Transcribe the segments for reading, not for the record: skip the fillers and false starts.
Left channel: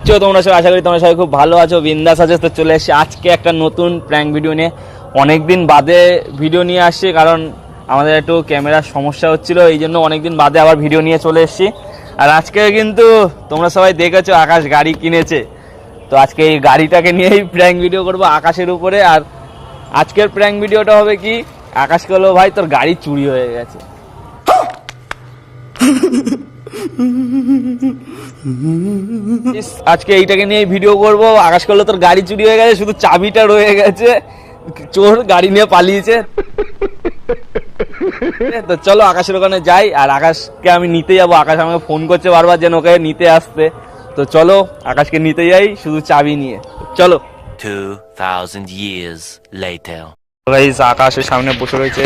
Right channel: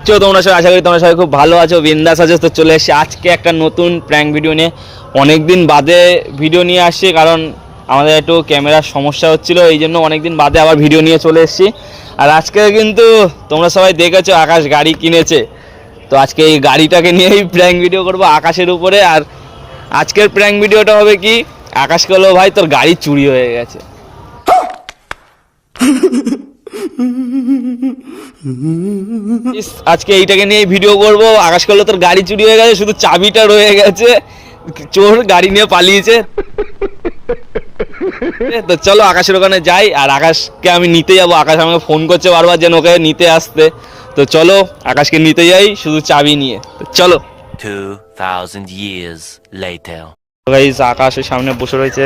তোমরা সবাই আশা করি তোমরা সবাই খুব ভালো আছো, বিন্দাস আছো। তো চলে এসেছি আজকে একটা নতুন প্র্যাঙ্ক ভিডিও নিয়ে। অনেকদিন বাদে ভিডিও নিয়ে আসছি, কারণ আমাদের একটু ক্যামেরার সমস্যা হচ্ছিল, এই জন্য অনেকদিন বাদে আবার ভিডিও নিয়ে চলে এসেছি। আর আজকে কিন্তু তোমরা সবাই দেখেছো আকাশ গাড়ি কিনেছে, তো আজকে এই গাড়িটাকে নিয়েই প্র্যাঙ্ক ভিডিও করবো আকাশের উপরে। আর আজকের প্র্যাঙ্ক ভিডিওটা হবে কি, আকাশকে বলবো ভাই তোর গাড়ি চুরি হয়ে গেছে। আজকে এইটাকে নিয়ে ভিডিও করবো। আকাশ করলো তোর গাড়ি চুরি হয়ে গেছে, শুধু চাবিটা রয়ে গেছে, চোর গাড়ি নিয়ে পালিয়েছে। তো চলো আকাশের ওখানে যাই, আর আকাশকে আমি নিতে যাবো। আকাশ আমাকে ফোন করছে বারবার যেন ওকে নিতে আসতে। তো চলো আকাশকে নিতে যাই শুধু চাবি নিয়ে। চলো। 2000 years later. গাইস আকাশের সামনে বসে রয়েছে,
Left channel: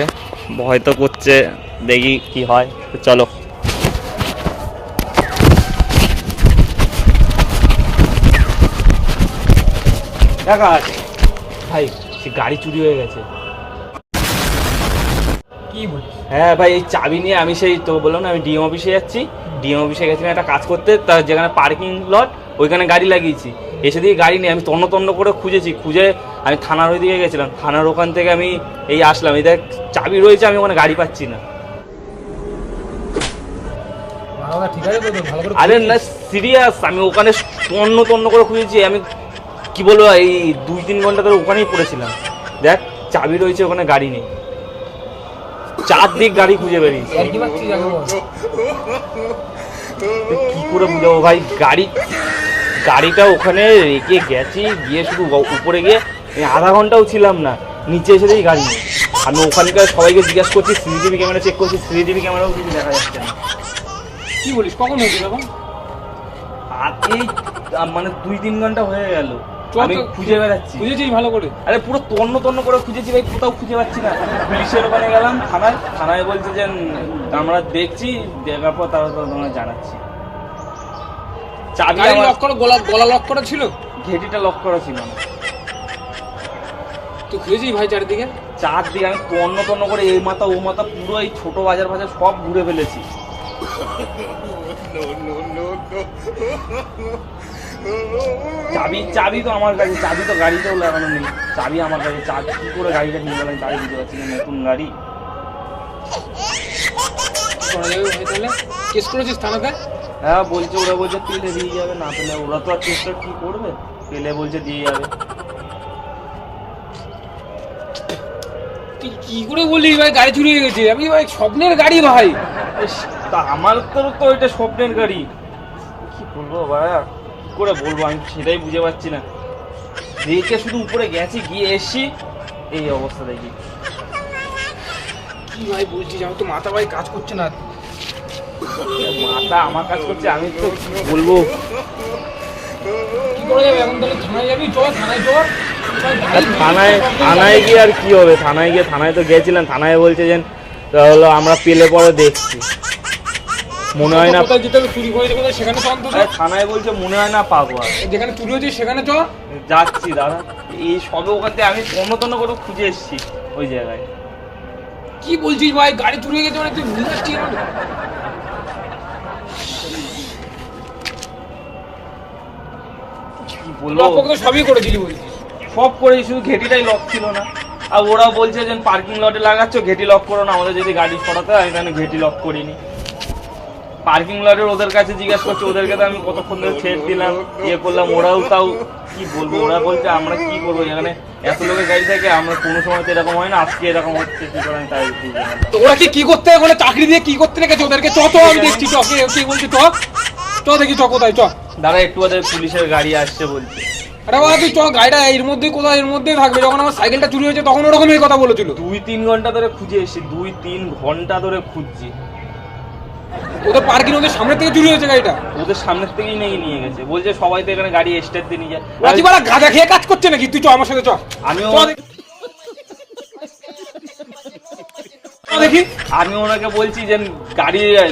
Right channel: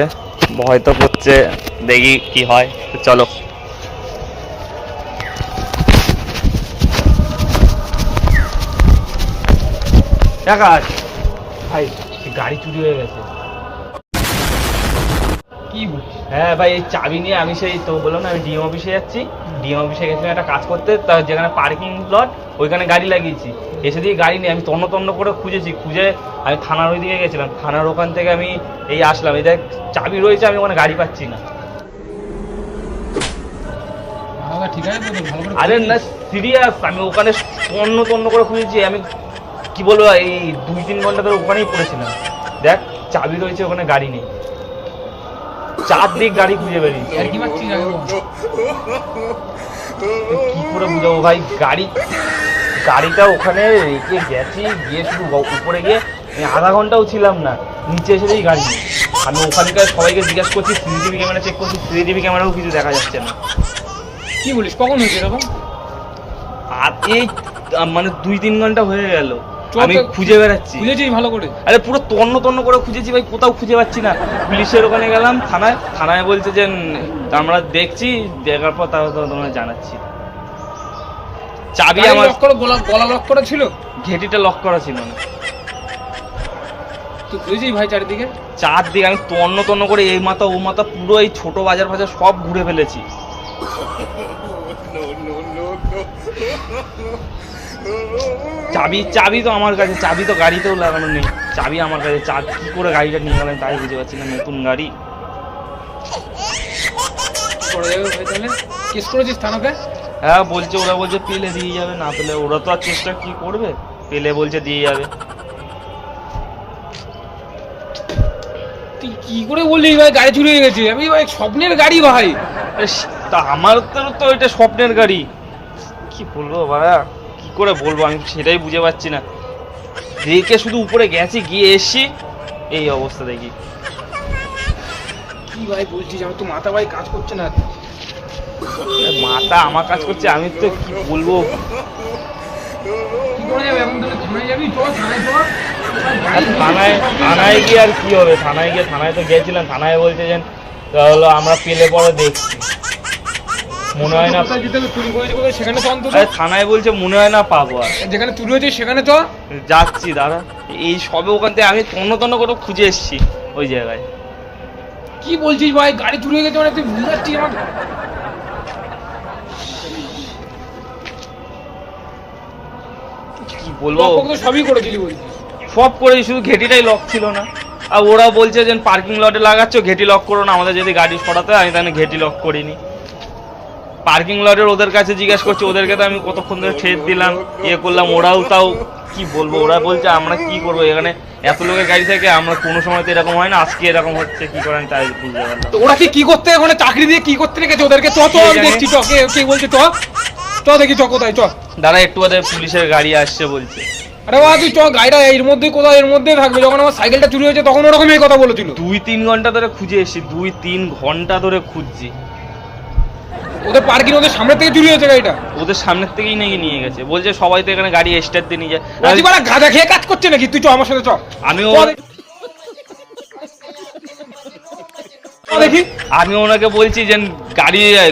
ভয় তো করছে, দেখি কি হয়। তো চলো। আকাশ ভাই গাড়ি চুরি হয়ে গেছে। কি বলছিস? হ্যাঁ ভাই, এই চাবি নিয়ে আমি সেই তো বললাম না, আমি ডিএম অফিসে যাচ্ছি। ডিএম অফিসে গেছিলাম একটা কাজ করতে, তার যেখানে পার্কিং লট ওইখানে গাড়ি লাগিয়েছি। এসে দিয়ে গাড়ি নিয়ে আমি তন্ন করে খুঁজে আমি থানার ওই দিকে গেছিলাম। থানার ওখান থেকে আমি এই আসলাম, এই দেখ চাবি রয়েছে, আমি ওখানে গাড়ি পাচ্ছি না। ঠিক আছে তো, ভালো করে আরে না সিরিয়াস, আমি ওখানে তন্ন করে খুঁজেছি। আমি কি বলবো, এই 2-3 ঘন্টা ধরে ওখানেই পড়েছিলাম। দেখ চাবি রয়েছে, ওখানে গাড়ি নেই। 4 দিক গাড়ি খুঁজে বেরিয়েছি। আর কি পাচ্ছিস জানো? কি করে বুঝাবো ভাই, গাড়িটা ওখানে রেখে গেছি, গিয়ে শুধু উপরে গিয়ে আধা ঘন্টাও ছিলাম না, নিচে এসে দেখি গাড়ি নেই। আমি ওখানকার সবাইকে জিজ্ঞাসা করছি, সিসিটিভি ক্যামেরা চেক করছি, সিসিটিভি ক্যামেরাও কিছু দেখা যাচ্ছে না। কি বলিস, কখন হয়েছে এরকম? আর এই মানে 2-3 ঘন্টা হয়ে গেল আমি খুঁজে বেড়াচ্ছি। খুঁজেছিস ভালো করে? আরে পুরো তন্ন করে খুঁজেছি ভাই, কোথাও খুঁজে পাচ্ছি না। পুলিশের ওখানে গেলাম, থানায় বলছে যে আমরা দেখছি, দেখার পর তারা তোমরা জানাচ্ছি। চাবি আমার লক করে, গলা লক করা ছিল, ঘেটিটা লক করা ছিল। তুই খুঁজেছিস ভাই চারিদিকে? চারদিকে আমি তন্ন করে এই মাথা ও মাথা পুরো এই ছোট বাজার সব ঘুরে ফেলেছি। চাবি তো আমার কাছে, চাবি তো গাড়িতেও লাগানো নেই, চাবি আমার কাছে। কি করে গাড়িটা নিয়ে গেলেন তাই বুঝতে পারছি না। নতুন গাড়ি করা যাবে ভাই? তাহলে কেস করেছিস থানাতে? হ্যাঁ বলছে, ওরা বলছে পেলে দিয়ে যাবে, না পেলে ওরা তো আর চেষ্টা কি করবে, পেলে বলছে দিয়ে যাবে। তুই কি করে বললি ভাই গাড়ি চুরি হয়ে গেছে? আমি ভাই স্বপ্নের গাড়ি ভাই। তা আমার তো এটা স্বপ্নের গাড়ি। কি বলবো ভাড়া, কি করে বলবো, আমি সেটাই বুঝে পাচ্ছি না। রেখে শুধু উপরে গেছি, গিয়ে এসছি, এই অবস্থা দেখি। কি ভাই বলছিস? আমার তো মাথা ভাই কাজ করছে না। মাথা আমার কাজ করছে, আমি তো কি বলবো। কি করে যাবে এখন? তাহলে থানায় যাবি? চল থানায় চল। আর থানায় গিয়ে আর কি হবে? থানায় তো গেছিলাম, থানায় বলছে যে তাহলে আমরা পেলে পরে দেখছি, মনে হয় না। কোথায় যেতে চুরি করে গেলে সেখানে তো অন্তত। থানায় বলছে মনে হয় না পাবো। আর যেখানে চুরি হয়েছে সেখানে চল। যাচ্ছি দাঁড়া, এই সবে ওখান থেকে আমি তন্ন করে খুঁজে এসেছি ওই জায়গায়। কি বলছিস ভাই, গাড়ি চুরি হয়ে গেছে মানে? তুই ভুল যাচ্ছিস আমার। কি বলবো, সবই করেছিলি বলছিস? সব করেছি, শুধু ঘেটিটাই লক ছিল না। আর ওরা বলছে যে পার্কিং লটে লাগাচ্ছ, ঘেটি লক করো না, আমাদের যদি গাড়ি সরাতে হয়। আমি তাহলে ঘেটি লক করিনি। পার্কিং লটের ওদের কাছে জিজ্ঞাসা করছি, ওদেরকে তো আমি কতক্ষণ ধরে ছেড়ে দিলাম, করলাম, ওরাও তাও কি বলবো, ওরা বলছে আমরা কি করবো, এখানে এত লোকের গাড়ি থাকে, আমরা কোনো সময় তো এরকম হয় না, আজকে এরকম হচ্ছে, কি করেন তাই বুঝলাম না। তো ওরা কি করতে, ওখানে চাকরি দিয়ে কি করতে রেখেছে ওদেরকে? চ আমি দেখছি, কে বলছি চ দেখি, কোথায় চ। দাঁড়া একটু বাদে পুলিশের গাড়ি আসছে বলছে। আরে বাবা তুই চ, গাড়িটা এর মধ্যে কোথাও এর মধ্যেই থাকবে। যখন আমার সাইকেলটা চুরি হয়েছে তখন ওরকম এই কথা বলেছিল। 2-3 ঘন্টা ধরে খুঁজে এসেছি, 2-3 ঘন্টা ধরে খুঁজছি। ওদের পার্কিং, ওদের সামনে থেকে চুরি হয়েছে গাড়িটা। ওদের সামনের থেকেই নিয়ে গেছে, বলছে সবাই তো এখানে গাড়ি স্টার্ট দিয়ে নিয়ে যায়। রাজিবাড়া গাঁজা খেয়ে কাজ করছে নাকি? তুই চ আমার সাথে চ। দেখি আমি ওনাকে বলছি যে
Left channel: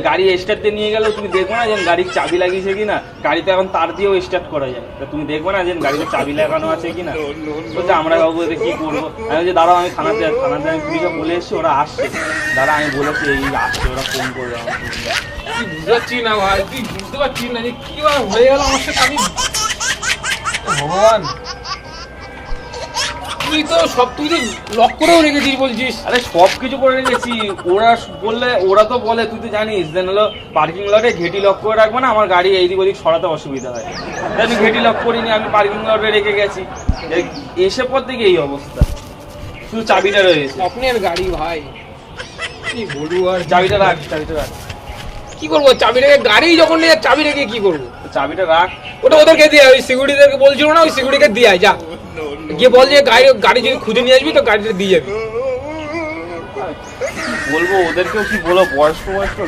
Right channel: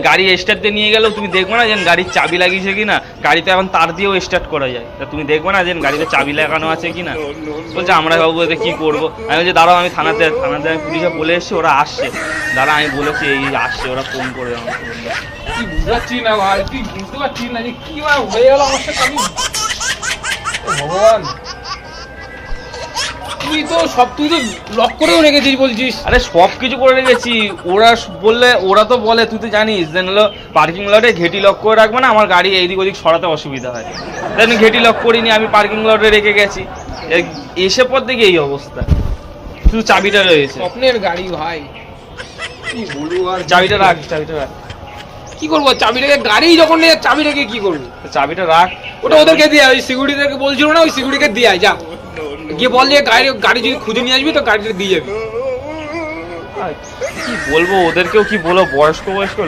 গাড়ি স্টার্ট দিয়ে নিয়ে গেলেও তুমি দেখবে না যে গাড়ির চাবি লাগিয়েছে কিনা। গাড়িতে এখন তার দিয়েও স্টার্ট করা যায়, তা তুমি দেখবে না যে গাড়িতে চাবি লাগানো আছে কিনা। বলছে আমরা বাবু এতে কি করবো। আমি বলছি দাঁড়াও, আমি থানাতে আমি পুলিশে বলে এসছি, ওরা আসছে। দাঁড়া আমি বলেছি এই আসছে, ওরা ফোন করবে আমাকে। তুই বুঝতে পারছিস না ভাই, তুই বুঝতে পারছিস না যে কি হয়ে গেল আমার সাথে। ভগবান, তুই তো লক করেও রেখেছিস বলছিস। আরে সব কিছু করে রেখেছি, ওরা বললে, ওরা তো বলে, তুই তো জানিস যে হলো পার্কিং লটে ঘেটি লক করে রাখবে না, আমার গাড়ি এইদিক ওদিক সরাতে অসুবিধা হয়। আমি ঘেটি লক করিনি, আমি পার্কিং লটে রেখে গেছি, এসে পর থেকে এই অবস্থা, শুধু চাবিটা রয়েছে। স্বপ্নের গাড়ি ভাই, কি বলবো আর। চাবিটা রাখ, চাবিটা রাখ। কি করবো চাবিটাকে, গাড়ি যখন নিয়ে চাবি রেখে কি করবো? চাবিটা রাখ। ওটা ওদেরকে দিয়ে, ওই সিকিউরিটিদেরকে বলছিল না, ওই সিকিউরিটিকে দিয়ে আয়, যা গিয়ে বল যে গাড়ি যদি খুঁজে নিয়ে আসবি তো গাড়িটা দিয়ে যাবি। কি বলবো ওদেরকেও, কি বলবো, বয়স্ক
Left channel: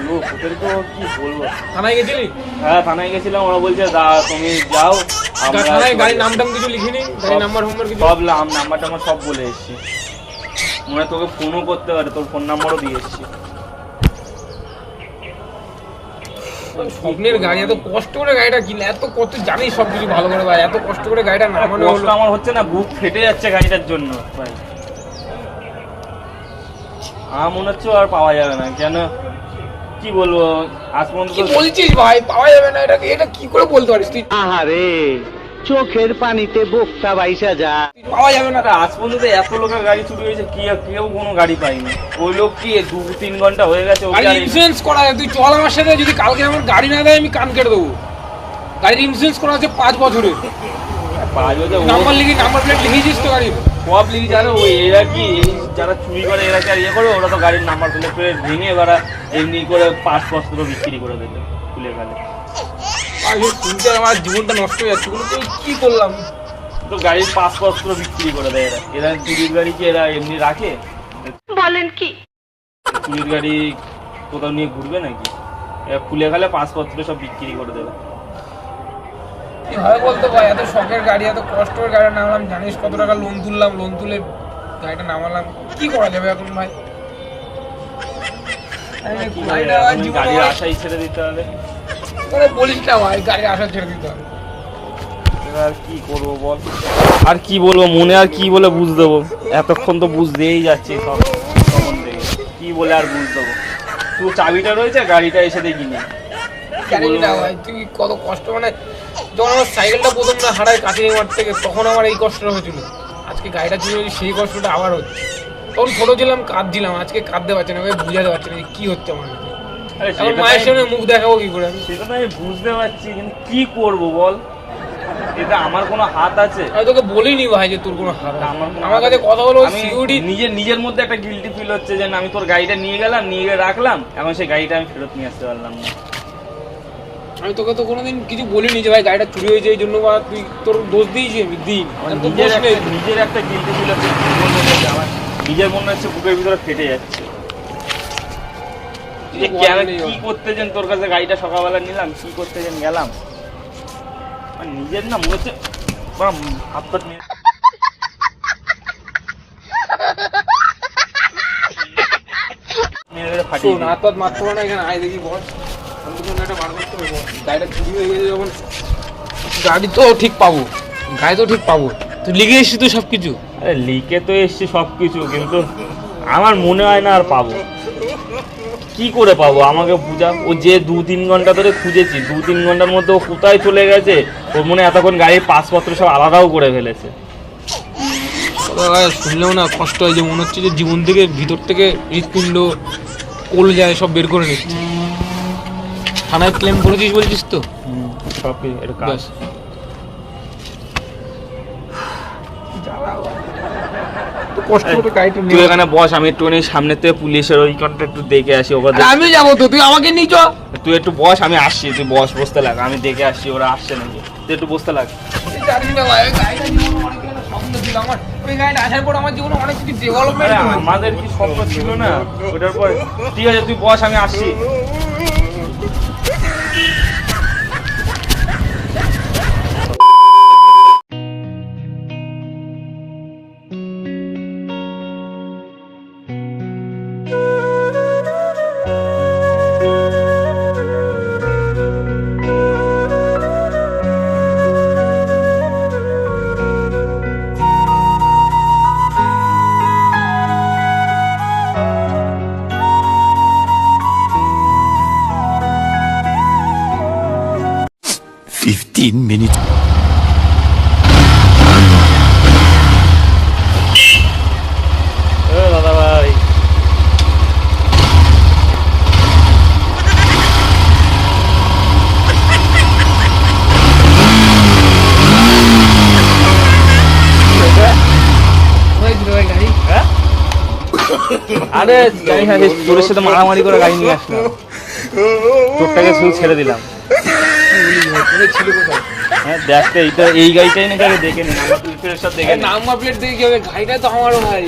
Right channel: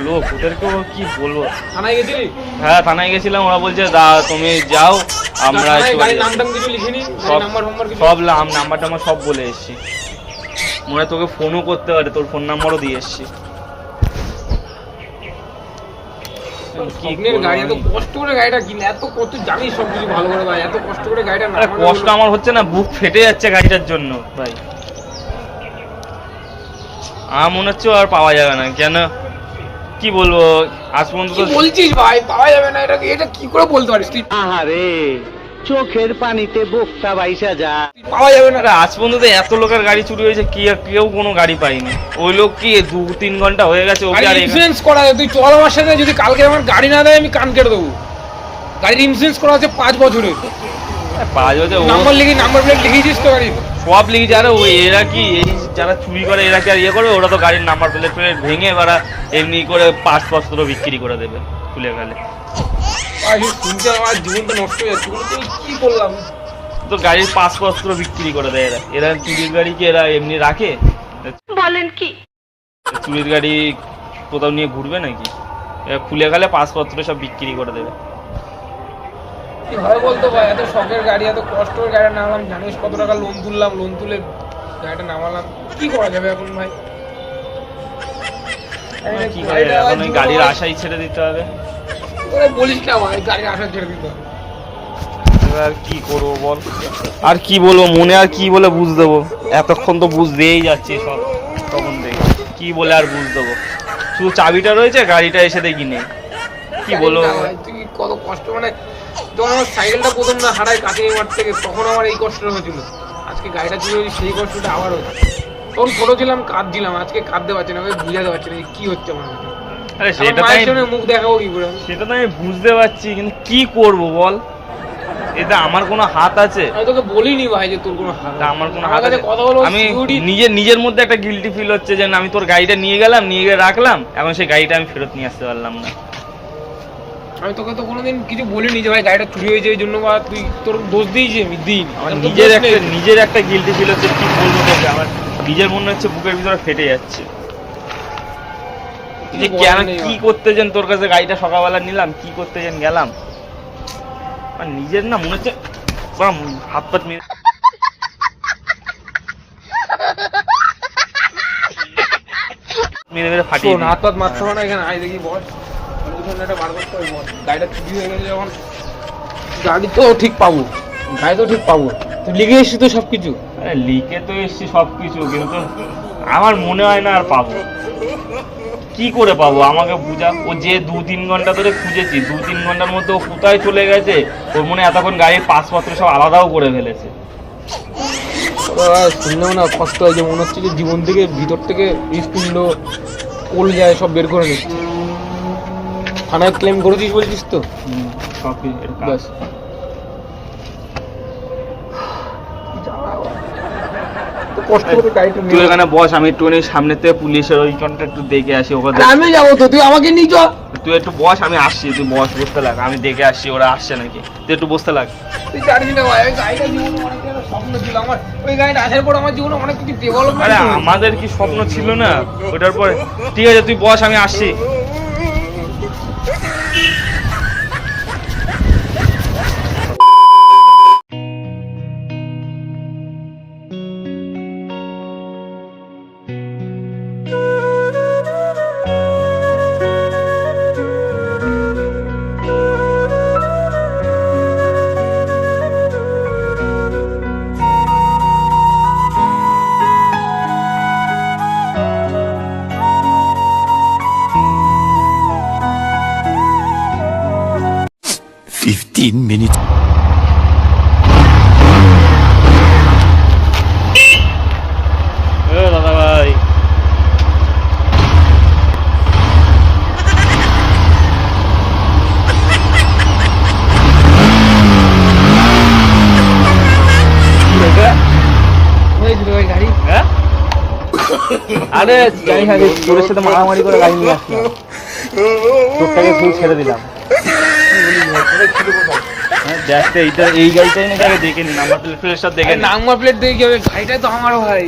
লোক, ওদেরকেও কি বলবো। থানায় গেছিলি? হ্যাঁ থানায় গেছিলাম, ওরা বলছে দা তুমি যাও, আমরা থানায় গাড়ির নাম টাম কিছু লিখিনি, গাড়ির নাম্বার কিছু? সব নাম্বার টাম্বার সব বলে এসছি, মনে হয় তোকে ফোনও করতে পারে, তোর ফোন নাম্বারও দিয়ে এসছি। স্বপ্নের গাড়ি, এত কষ্ট করে গাড়িটা কিনে, এত কত জানিস সব কিছু ভালো করে ভাই, এত কষ্ট করে গাড়িটা নামানো কষ্ট আমার হচ্ছে না, বুক ফেটে যাচ্ছে গাড়িটার জন্য ভাই। আমার মনে হচ্ছে আর পাওয়া যাবে না, কেন কি বলবো, আজ পর্যন্ত কি বলছিস ভাই, পাওয়া যাবে না? এটা কি করে বলতে পারিস তুই? আহারে, চোখের পানিতে বোকটা বাইসা যা। পাওয়া যাবে না? আরে আজ পর্যন্ত এত লোকের গাড়ি চুরি হয়েছে, কেউ কোনো গাড়ি পাইনি। ওই লোক কি 2-3 ঘন্টা হয়ে গেছে, ওকে আর ইন্স্যুরেন্স করা আছে, তুই চল আমার সাথে, যদি কালকে আমার গাড়ি না দেয় আমি কান কেটে দেবো। গাড়ির ইন্স্যুরেন্স করা আছে 5 বছরের, নাম্বার লিখি, নাম্বার প্লেট লিখেছিস তো গাড়ির? সব লিখেছে। আরে এরা কি, এই যারা চুরি করে এরা কি আর ইয়ে করবে, ওরা তো গাড়ির নাম্বার প্লেট ভেঙে ওরা এমনি করে পাসপত্র বিক্রি করে দেবে খুলে ফেলে। শুনতে আমার জীবনটা নষ্ট হয়ে যাচ্ছে, তুই কি করলাম? তো গাড়ির পাসপত্র বিক্রি করে দেয় এরা। এরা চুরির গাড়ি কি এরা এমনি রাখে? বলেন কি? চুরির গাড়ি কোথাও নিয়ে ঘুরবে নাকি? এরা খুলে গেলে পাসপত্র সব বিক্রি করে দেবে। কি হয় বলতে ভাই, এত শখের গাড়ি, এত কষ্ট করে গাড়িটা নামালাম, জানিস কত টাকা লোন তুললাম, লোন তুলে গাড়িটা নামালাম, কি করা যাবে এখন ভাই? কি করে এখন ওই গাড়ির আশাই ছেড়ে দিতে হবে? বলিস না ভাই, গাড়ির আশা ছেড়ে দিতে হবে। আর কি করবো বল, আর কি বলবো, মনে আর কি বলে বুঝ দেবো? এতক্ষণ তো বুঝ দিয়েই যাচ্ছি সব, কি বলে আর বুঝ দেবো? শুধু চাবিটা রয়েছে, গাড়িটা এসে দেখি নেই, কি বলবো? তুই কত কষ্ট, মানে যখন আমার সাইকেলটা প্রথম না হারাই কাটিয়ে মাঠ থেকে, তখন আমার এই কষ্টটা হয়েছিল। আজকে গাড়িটা ছিল, সেই কষ্টটা আবার হচ্ছে। তখন ছোট ছিলাম, কাঁদছিলাম, আজকে কাঁদতে পারছি না, বুঝাতে পারছি না কি হচ্ছে আমার। আরে সেটা মায়ের সঙ্গে মুখ দেখাবো কি করে? সেটা তো আমি বুঝতে পারছি, কিন্তু কি করব বল? এটা আমার কোনো হাত আছে? আমি তোকে বলিনি ভাই যে তোর কোনো হাত, আমার কাছে কথা বলো। আমি নিজের মধ্যে একটা গিল্টি ফিল হচ্ছে যে আমি তোর গাড়িটা নিয়ে গেলাম, নিয়ে গিয়ে রাখলাম, এখন সেই গাড়িটা আমি ফেরত নিয়ে আসতে পারলাম না। আমি তোকে তো কোনোদিন কিছু বলিনি যে ভাই গাড়িটা চুরি হয়েছে এই জন্য, বা তুই তোর দোষ দিয়েছি আমি দিন। নিজের একটা গিল্টি ফিল হচ্ছে, কি বলবো তোকে, আমার নিজের মনে হচ্ছে বুকের ভিতরে ফেটে যাচ্ছে। কি করতে যেন তোর কাছে গাড়িটা সকালবেলা নিলাম, কি করতে যেন গেলাম, নিজের না মনে হচ্ছে হাত পাত মেরে মেরে ফাটিয়ে দিই। হাত পাত মারতে হবে না এখানে, আয় দেখি বস, একটা বার করতে হবে বস। গাড়িটা চুরি হয়ে গেছে যখন, গাড়ি তো ঠিক পাবো, গাড়ি তো ঠিক পাবো। তুই লিখে এসছিস তো সব কিছু? লিখে তো এসছি সবকিছু, কিন্তু আমার মনে হয় না আর পাবো। কি করে পাবো আমাকে বুঝা? ও যে 2-3 ঘন্টা ধরে খুঁজেছি, 2-3 ঘন্টার মধ্যে ও কোথায় চলে গেছে? ওর মনে হয় এতক্ষণ গাড়ির পাসপত্র সব আলাদাও করে ফেলেছে। শুনলেও না কষ্ট হয়, যে মনে হচ্ছে যে জীবন থেকে ভিতর থেকে হৃৎপিণ্ড ওল যায়, সব বের করে নিচ্ছে। থানায় ক্লেম করেছিস বলছিস তো? সবই এর কাজ। ব্যাস। কষ্ট করে গাড়িটা তুই এখানে বস, আমি একটু সামনে থেকে পুলিশের ওই কারণটা একটু দেখে আসি ওখানে। আমি যাবো তো, তুই আমাকে নিয়ে চল। তুই একটু বস, আমি আসছি, তুই বসতে লাগ, আমি দেখে আসছি ওরা আসছে নাকি, তুই একটু বসতে লাগ। তুই জানিস না ভাই, গাড়িটা জীবনে অনেক স্বপ্ন ছিল আমার, ওই গাড়িটা আসার পর আমার জীবনে অনেক কিছু ডেভেলপমেন্ট। আমাদের কি স্বপ্ন ছিল না ওটার পর? ঠিক আছে তুই বস, আমি আসছি। $15 minutes. আরে জানি না রে, তোর সাথে মারামারি করে গাড়ি নিয়ে আসলাম, তোরটাকে শুধু ছেড়ে দিলাম। হ্যাঁ দেখ তো, এইটা এই গাড়িটাই নাকি আগে দেখে নি, নাম্বার প্লেটের সাথে দেখে নি। নাম্বার প্লেট দিয়ে কি হবে? গাড়িটা তো আমারও ভাই,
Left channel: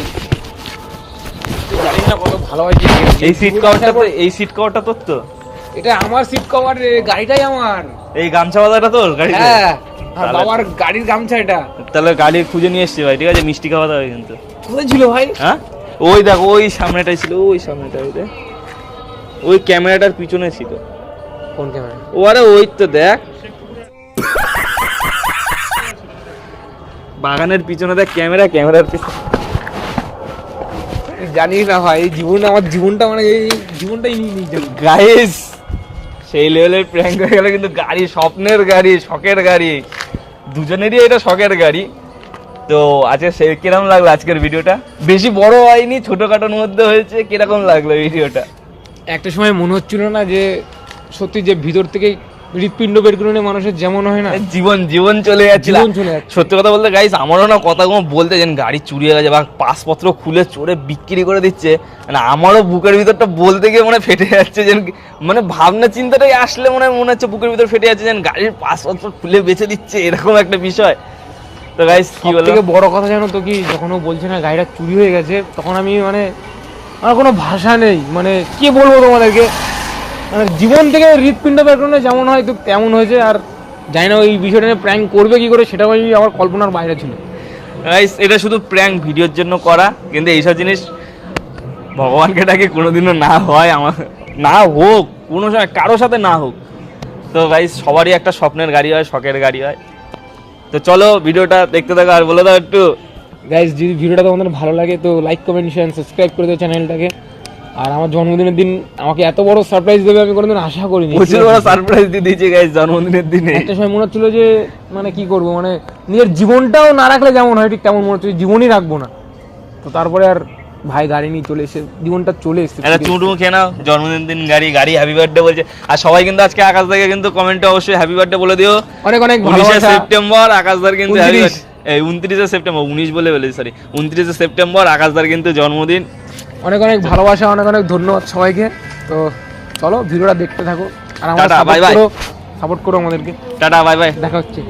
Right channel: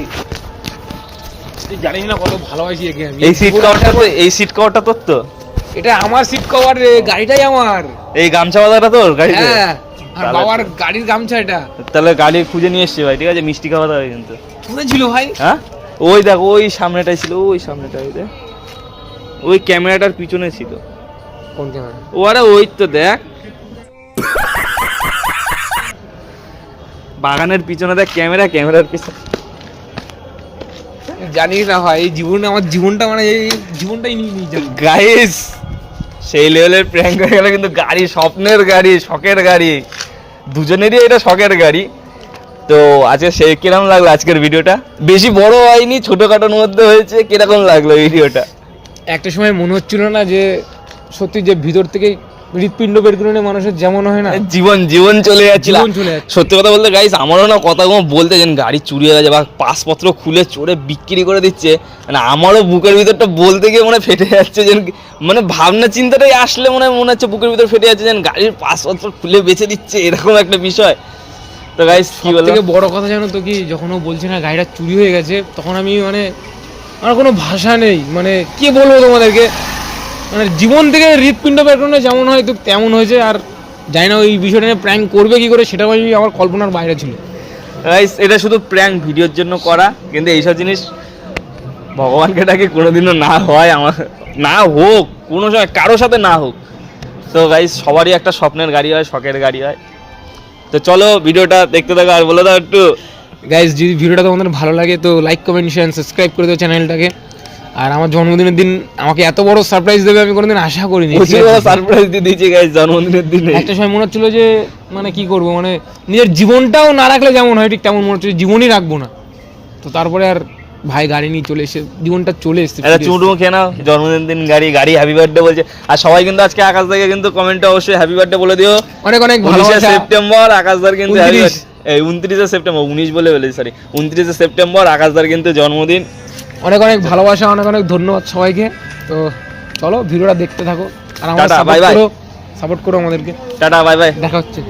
তুই জানিস না কত ভালোবাসি এই সিট কভারটা তো, এই সিট কভারটা তোর তো? এটা আমার সিট কভার রে, গাড়িটাই আমার। এই গামছা বাঁধাটা তোর গাড়িতে? হ্যাঁ, আর তাহলে- বাবার গাড়ির গামছা এটা। তাহলে গাড়ি খুঁজে নিয়ে এসছি ভাই, ঠিক আছে? মিষ্টি খাওয়া দাওয়া কিন্তু। কোথায় ছিল ভাই? হ্যাঁ ওই দেখ, ওই সামনেটাই ছিল, ওই সামনেটাই রে, ওই ক্যামেরাটার পিছনে ছিল। কোন ক্যামেরা? ও আরে ওই তো দেখ, বাগানের পিছনে দেখ ক্যামেরা, ক্যামেরার পিছনে। জানিস না ভাই, এই জীবনে আমার জীবনটা মানে এই জীবনটাই নিয়ে যাবে। গাইস সেই লেভেলের প্র্যাঙ্ক হয়ে গেল কিন্তু। গাড়ি স্বপ্নের গাড়ি, শখের গাড়ি, দুজনেরই এটা শখের গাড়ি। তো আজকে সেই কিরকম লাগলো আজকের ভিডিওটা? বেশি বড় হয়নি, ছোটখাটোর মধ্যে হয়েছে। কিরকম লাগলো ভিডিওটা? একটা সময় মনে হচ্ছিল না যে সত্যি যে ভিতর থেকে হৃৎপিণ্ড বের করে নিয়ে মানুষের যেমন হয় না, জীবন জীবন চলে যাচ্ছিল। জীবন চলে যাচ্ছে। সত্যি কথা বলতে গাইস, আমারও না কথাগুলো বলতে যেন গাড়ি চুরি হয়ে গেছে বা পাসপত্র খুলে চোরে বিক্রি করে দিচ্ছে, মানে আমারও বুকের ভিতরটা বলতে গিয়ে মনে ফেটে যাচ্ছে। যেন মানে ভাবনা চিন্তাটাই আসলে মনে হচ্ছে বুকের ভিতর ফেটে যাচ্ছে, যেন গাড়ির পাসপত্র খুলে বেচে দিচ্ছে, এরকম একটা বিষয়। তো গাইস কি বলবো, থেকে বড় কথা জানো তো কি, যখন ও বলছে না গাড়িটা চুরি হয়ে গেছে, তখন আমি মানে আমার কোনো ভাষা নেই, মানে কি বলবো তোমাদেরকে। মানে জীবন থেকে হৃৎপিণ্ড বের করে নিয়ে যেমন হয় তো তেমন হয়েছে। আর জানি না ওই বিষয়টা নিয়ে প্র্যাঙ্ক করবে কি করে, সেটাও আমি আমার কল্পনার বাইরে ছিল। গাইস এটা শুধু প্র্যাঙ্ক ভিডিওর জন্য করা, কিন্তু এইসব জিনিস ভগবানকে ডাকে কোনোদিনও না হয়, আমার না হোক, কোনো সময় কারোর সাথে না হোক। তো গাইস সবারই একটা স্বপ্নের গাড়ি হয়, শখের গাড়ি হয়। তো চলো ভিডিওটা দেখতে থাকো, আর বলে দাও একটু। গাইজ যদি ভিডিওটা তোমাদের ভালো লাগে তো লাইক কমেন্ট শেয়ার সাবস্ক্রাইব করে দাও চ্যানেলটাকে। আর আমার জন্মদিনের দিন আমাকে এত বড় সারপ্রাইজ দেবে আমি কোনোদিন আশা করিনি। প্রচুর বড় সারপ্রাইজ দিয়ে দিয়েছি গাইস জন্মদিনের দিনে। একটা সময় মনে হচ্ছিল যে মানে কি করব, মানে নিজের জীবনটাও না রাখলে যেমন হয় ঠিক তেমন মনে হচ্ছে জীবনই রাখবো না। তো তারপরে আর ভাই গাড়ি নিয়ে চলে এসে জীবনটা চলে এসেছে। একটা চুমটুমু খেয়ে নাও, জন্মদিন দিন গাড়ি গাড়ি হ্যাপি বার্থডে বলছে। আর সবাই কিন্তু আজকে আকাশ দাকে কিন্তু কমেন্টে অবশ্যই হ্যাপি বার্থডে বলে দিও। অনেক অনেক 19শে ভালোবাসা। সেপ্টেম্বর আকাশদার কিন্তু 29 29শে সেপ্টেম্বর, 19 বলে বলেছি সরি, 29শে সেপ্টেম্বর আকাশদার কিন্তু জন্মদিন। অনেক অনেক ভালোবাসা, অনেক অনেক ধন্যবাদ সবাইকে। তো চলো ভিডিওটা দেখতে থাকো আর টাটা, bye bye. সাপোর্ট করো আমাদেরকে। Tata bye bye. দেখা হচ্ছে।